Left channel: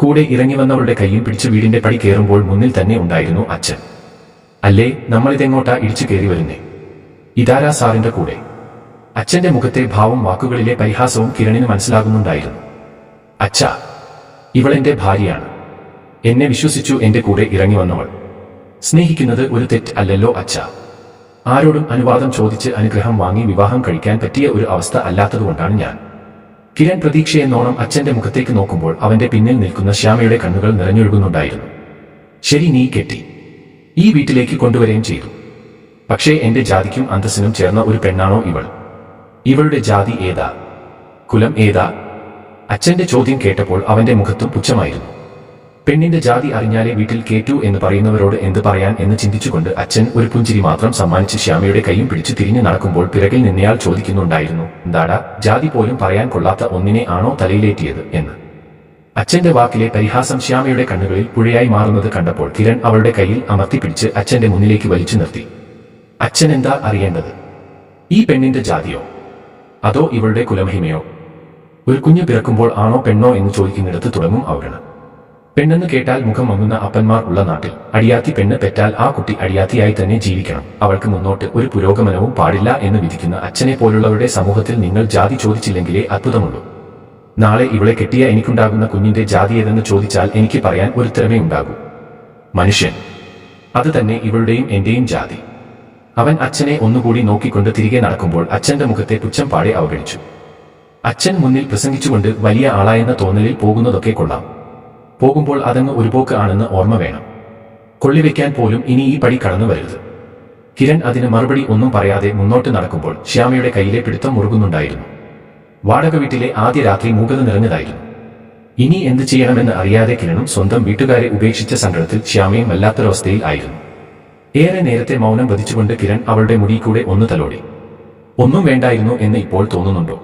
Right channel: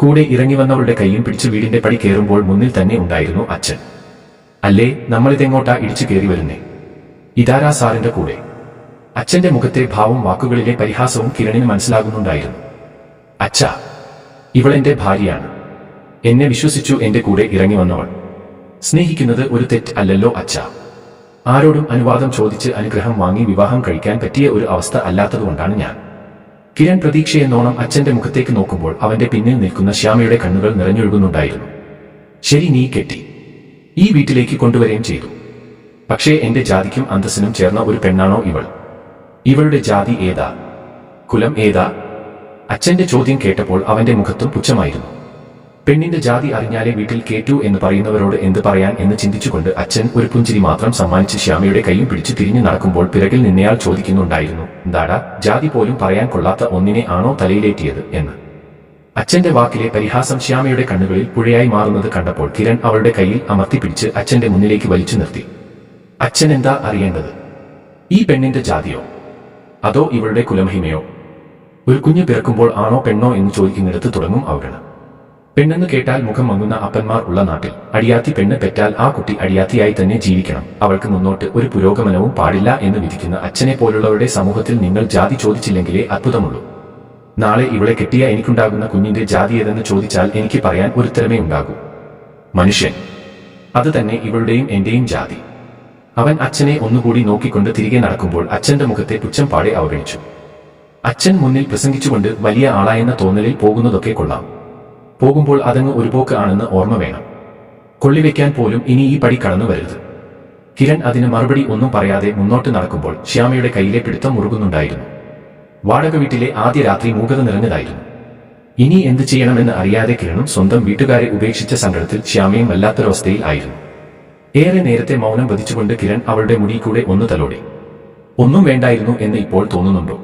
കൂടെ ഇറങ്ങി വന്നവളുടെ കൈയും പിടിച്ചു വീടിന്റെ പടി കയറുമ്പോൾ മുന്നിൽ തന്നെ ഉണ്ടായിരുന്നു അച്ഛൻ. അല്ലേ നമ്മളിതെങ്ങോട്ടാ ഇടിച്ചു കയറി വരുന്നേ? ഇതാരാ സാറിന്റെ കൂടെ? അച്ഛന്റെ മുഖത്തെ ഭാവം വാക്കുകളിലെ പരിഹാസവും കിരണിന് മനസ്സിലാകുന്നുണ്ടായിരുന്നു. അച്ഛ ഇവളെന്റെ ഭാര്യയാണ്. എന്നെ വിശ്വസിച്ചു എന്റെ കൂടെ ഇറങ്ങി വന്നവൾ. സ്നേഹിക്കുന്നത് ഒരു തെറ്റ് അല്ലല്ലോ അച്ഛ. ആരോടും അനുവാദം ചോദിച്ച് അനുഗ്രഹം വാങ്ങി വിവാഹം കഴിക്കാൻ പറ്റിയ ഒരു അവസ്ഥ അല്ലാത്തതുകൊണ്ടാണ് ഞാൻ. കിരൺ പ്രതീക്ഷയെന്നോണം അച്ഛന്റെ മുഖത്തേക്ക് നോക്കുമ്പോൾ അവന്റെ പിന്നിൽ നിൽക്കുന്ന ശ്യാമയുടെ കണ്ണുകൾ നിറഞ്ഞൊഴുകുന്നുണ്ടായിരുന്നു. ശരി നീ കെട്ടി. ഈ വീട്ടിലേക്ക് കൊണ്ടുവരികയും ചെയ്തു. പക്ഷേ എന്റെ ജാതിക്കും അന്തസ്സിനും ചേർന്ന ഒരു പെണ്ണാണോ ഇവൾ? ഇവളുടെ ജാതി ഏതാ? കുലം ഏതാ? അച്ഛന്റെ ചോദ്യം കേട്ടപ്പോൾ അവന്റെ മുഖത്തും പുച്ഛമായിരുന്നു. പെണ്ണിന്റെ ജാതി അറിഞ്ഞാലേ വീട്ടിൽ കേറ്റു എന്ന് പറയുന്നവരോട് എന്ത് പറയാൻ എന്ന് ചിന്തിച്ചുകൊണ്ട് അച്ഛൻ ഒരു പുഞ്ചിരി മാത്രം സമ്മാനിച്ച് ശ്യാമയുടെ കൈയും പിടിച്ചു തിരിഞ്ഞു നടക്കുമ്പോൾ പിറകിൽ നിന്നയാൾ ചോദിക്കുന്നുണ്ടായിരുന്നു എന്താടാ ജാതി പോലും പറയാൻ കൊള്ളാത്ത ഒന്നിനെ ആണോ തലയിലേറ്റിയത്? എന്ന്. അച്ഛന്റെ വാക്കിലെ പരിഹാസം ശ്യാമയുടെ കണ്ണുകളിൽ പുഴയായി മാറുന്നത് കണ്ടപ്പോൾ കിരൺ അവളുടെ കയ്യിൽ അമർത്തിപ്പിടിച്ച് അച്ഛന്റെ മുന്നിലേക്ക് വലിച്ചു നിർത്തി. അച്ഛൻ എന്താ അറിയേണ്ടത്? ഈ പെണ്ണിന്റെ ജാതിയോ? അതോ ഇവളുടെ കുലമഹിമയോ? ഒരു കുഞ്ഞു പിറക്കുമ്പോൾ ആണോ പെണ്ണോ എന്ന് ചോദിക്കുന്നിടത്ത് തുടങ്ങും അവഗണം പെണ്ണെന്ന് കേട്ടാൽ മുഖം മങ്ങുന്ന അപ്പന്മാർ ഉള്ള നാട്ടിൽ. അടിയാത്തി പെണ്ണ് പെറ്റാൽ ആ കുട്ടി അടിയാത്തിയായി തന്നെ ജീവിക്കണം. അവൾക്ക് മുന്നോട്ട് ഒരു പുരോഗമനവും പാടില്ല എന്ന് വിധിക്കുന്ന അച്ഛനെ പോലുള്ളവരുടെ സമൂഹത്തിൽ നിങ്ങൾ ജാതി ചോദിച്ചില്ലെങ്കിലേ അത്ഭുതമുള്ളൂ. നാളെ ഇവളെ കെട്ടിയ എനിക്കുണ്ടാകുന്ന കുഞ്ഞിന്റെ ജാതി ഏതെന്ന് ചോദിച്ചാൽ എനിക്ക് പറയാൻ ഒരുത്തരമേ ഉണ്ടാകൂ. മനുഷ്യൻ. അത് തന്നെ ഇവളുടെയും എന്റെയും ജാതി. അവൻ അച്ഛനെ ഒന്നുകൂടി നോക്കിക്കൊണ്ട് തിരികെ നടക്കുമ്പോൾ അച്ഛന്റെ മുഖത്തെ പുച്ഛം പാടെ അവഗണിച്ചു. അച്ഛൻ മുന്നിൽ പ്രസംഗിച്ചുകൊണ്ട് വലിയ ആളായെന്ന തോന്നലിൽ പോകുന്നതൊക്കെ കൊള്ളാം. പോകുമ്പോൾ അതങ്ങ് ഒരു പോക്ക് ആണെന്ന് ഓർമ്മ വേണം. കൊള്ളിവെക്കാൻ പോലും ഇനി ഈ പടി കടന്നു വരരുത്. കിരൺ അതിന് മറുപടി ഒന്നും പറയാതെ മുന്നോട്ട് നടക്കുമ്പോൾ ശ്യാമയുടെ കയ്യിലെ പിടുത്തം മുറുകുന്നുണ്ടായിരുന്നു. വാടക വീട്ടിലെ ആദ്യ രാത്രി മൂകത നിറഞ്ഞതായിരുന്നു. ഇനി എന്ത് ചെയ്യണമെന്ന് അറിയാതെ കിരണും സ്വന്തം വീട്ടുകാരെ ഉപേക്ഷിച്ച സങ്കടത്തിൽ ശ്യാമയും വല്ലാത്തൊരവസ്ഥയിൽ ആയിരുന്നു. ഏറെ നേരത്തെ മൗനം വധിച്ചുകൊണ്ട് കിരൺ അവളുടെ മുടി കൂടെ ഒന്ന് തലോടി. ഒന്നും വേണ്ടായിരുന്നു എന്ന് ഇപ്പോൾ തോന്നുന്നുണ്ടോ?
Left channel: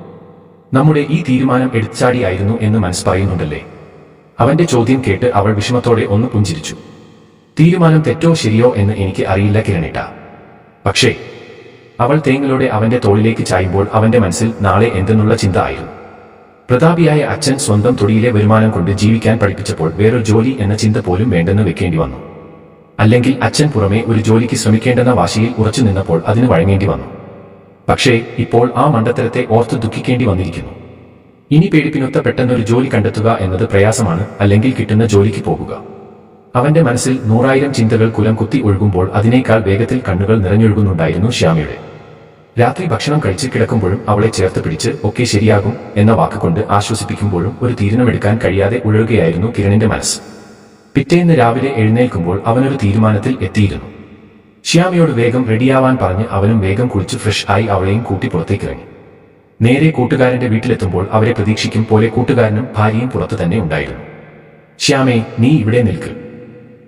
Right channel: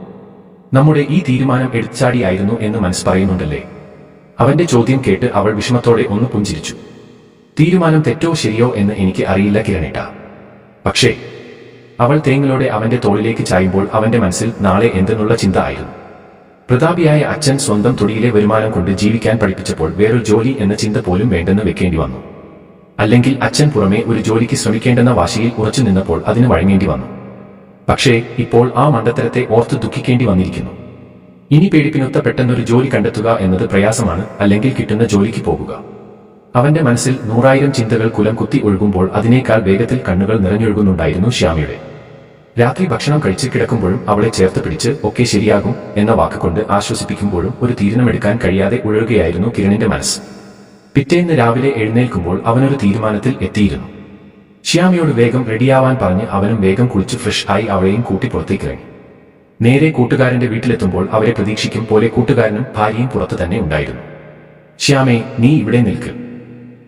നമ്മുടെ ഈ തീരുമാനം എടുച്ചാടിയായിരുന്നു എന്ന് മനസ്സ് പറയുന്നുണ്ടല്ലേ? അവന്റെ ചോദ്യം കേട്ട് അവൾ വിഷമത്തോടെ ഒന്ന് പുഞ്ചിരിച്ചു. തീരുമാനം തെറ്റോ ശരിയോ എന്ന് എനിക്ക് അറിയില്ല കിരണേട്ട. പക്ഷേ അവൾ തേങ്ങലോടെ അവന്റെ തോളിലേക്ക് ചായുമ്പോൾ അവന്റെ മനസ്സിൽ നാളെ എന്തെന്നുള്ള ചിന്ത ആയിരുന്നു. പ്രതാപിയായ അച്ഛൻ സ്വന്തം തൊടിയിലെ വരുമാനം കൊണ്ട് ജീവിക്കാൻ പഠിപ്പിച്ചപ്പോൾ വേറൊരു ജോലി എന്ന ചിന്ത പോലും വേണ്ടെന്ന് വെക്കേണ്ടി വന്നു. അല്ലെങ്കിൽ അച്ഛൻ പുറമെ ഒരു ജോലിക്ക് ശ്രമിക്കേണ്ടെന്ന വാശിയിൽ ഉറച്ചു നിന്നപ്പോൾ അതിന് വഴങ്ങേണ്ടി വന്നു. പക്ഷേ ഇപ്പോൾ ആ മണ്ടത്തരത്തെ ഓർത്ത് ദുഃഖിക്കേണ്ടി വന്നിരിക്കുന്നു. ഇനി പേടിപ്പിനൊത്ത പെട്ടെന്നൊരു ജോലി കണ്ടെത്തുക എന്നത് പ്രയാസമാണ് അല്ലെങ്കിൽ കിട്ടുന്ന ജോലിക്ക് പോകുക. അവന്റെ മനസ്സിൽ നൂറായിരം ചിന്തകൾ കുലം കുത്തി ഒഴുകുമ്പോൾ അതിനേക്കാൾ വേഗത്തിൽ കണ്ണുകൾ നിറഞ്ഞൊഴുകുന്നുണ്ടായിരുന്നു ശ്യാമിയുടെ. രാത്രി ഭക്ഷണം കഴിച്ച് കിടക്കുമ്പോഴും അവളെ ചേർത്ത് പിടിച്ച് ഒക്കെ ശരിയാകും എന്ന വാക്കുകൊണ്ട് ആശ്വസിപ്പിക്കുമ്പോഴും ഒരു തീരുമാനമെടുക്കാൻ കഴിയാതെ ഉഴറുകയായിരുന്നു കിരണിന്റെ മനസ്സ്. പിറ്റേന്ന് രാവിലെ എഴുന്നേൽക്കുമ്പോൾ അവനൊരു തീരുമാനത്തിൽ എത്തിയിരുന്നു. ശ്യാമിയോട് വേഗം റെഡിയാവാൻ പറഞ്ഞ് അവനും വേഗം കുളിച്ച് ഫ്രഷ് ആയി അവളെയും കൂട്ടി പുറത്തേക്കിറങ്ങി. നേരെ കൂട്ടുകാരന്റെ വീട്ടിലെത്തുമ്പോൾ അവരെ പ്രതീക്ഷിക്കും പോലെ കൂട്ടുകാരനും ഭാര്യയും പുറത്തു തന്നെ ഉണ്ടായിരുന്നു. ശ്യാമേ നീ ഇവിടെ നിൽക്ക്.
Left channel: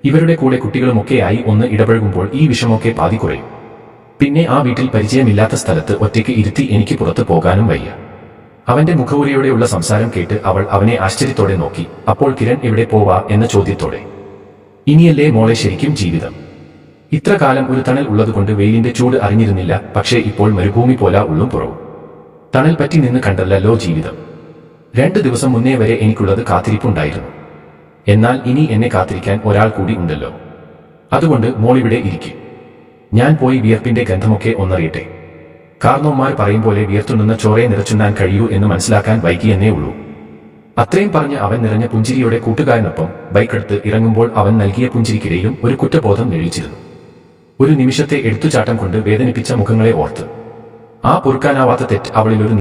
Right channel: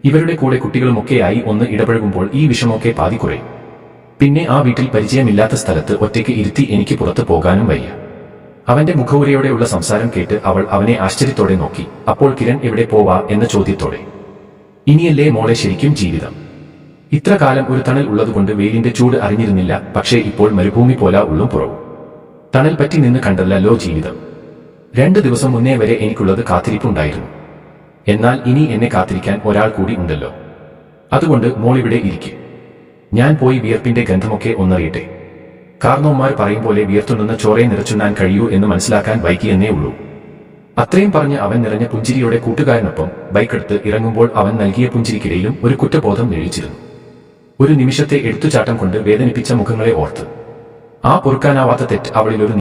ഇവരുടെ കൂടെ കുട്ടികളുമൊക്കെയായി ഒന്ന് ഇടപഴകുമ്പോൾ ഈ വിഷമൊക്കെ പാതി കുറയും പിന്നെ ആ വീട്ടിൽ പരിചയമില്ലാത്ത സ്ഥലത്ത് ഒറ്റയ്ക്ക് ഇരുത്തി എനിക്ക് പുറത്തു പോകാനും വയ്യ. അവന്റെ മുഖവുരയോടെയുള്ള സംസാരം കേട്ട് അവൾ അവനെ ആശ്ചര്യത്തോടെ നോക്കി. അപ്പോൾ കിരൺ എവിടെ പോവാ എന്ന ചോദ്യത്തോടെ. ഇനിയല്ലേ മോളെ ശരിക്കും ജീവിതം? ഇത്ര കാലം ഒരു തണൽ ഉള്ളതുകൊണ്ട് വെയിലിന്റെ ചൂട് അറിഞ്ഞിരുന്നില്ല പക്ഷേ ഇപ്പോൾ മരുഭൂമി പോല ഉള്ളും പുറവും. തണൽ പറ്റി നിന്ന് കണ്ടല്ലോ ജീവിതം. രണ്ടു ദിവസം മുന്നേ വരെ എനിക്കുള്ളത് കാത്തിരിപ്പുണ്ടായിരുന്നു. എന്നാൽ ഇനി എന്നെ കാത്തിരിക്കാൻ ഒരാൾ കൂടി ഉണ്ടല്ലോ. അതുകൊണ്ട് മോളിവിടെ ഇരിക്കും. ഞാൻ പോയി വിയർപ്പിന്റെ ഗന്ധമൊക്കെ ഒന്നറിയട്ടെ. കാർണോന്മാർ പറയും പോലെ വിയർത്തുണ്ടെന്ന ചോറയെ നിറച്ചുണ്ണാൻ കഴിയൂ എന്ന് മനസ്സിലാക്കാൻ വൈകിയെന്നേ ഉള്ളൂ. അത്രയും പറഞ്ഞ് അവൻ നിറഞ്ഞ പുഞ്ചിരിയോടെ കൂട്ടുകാരനൊപ്പം ബൈക്കെടുത്ത് ഇറങ്ങുമ്പോൾ അവൻ നൽകിയ പുഞ്ചിരിക്കിടയിലും ഒരു കുറ്റബോധം നിഴലിച്ചിരുന്നു. ഒരു നിമിഷത്തെ എടുത്തുചാട്ടം കൊണ്ട് വേദനിപ്പിച്ച മുഖങ്ങളെ ഓർത്ത് ആ പൊറുക്കാനാവാത്ത തെറ്റ് അവളിലൊരു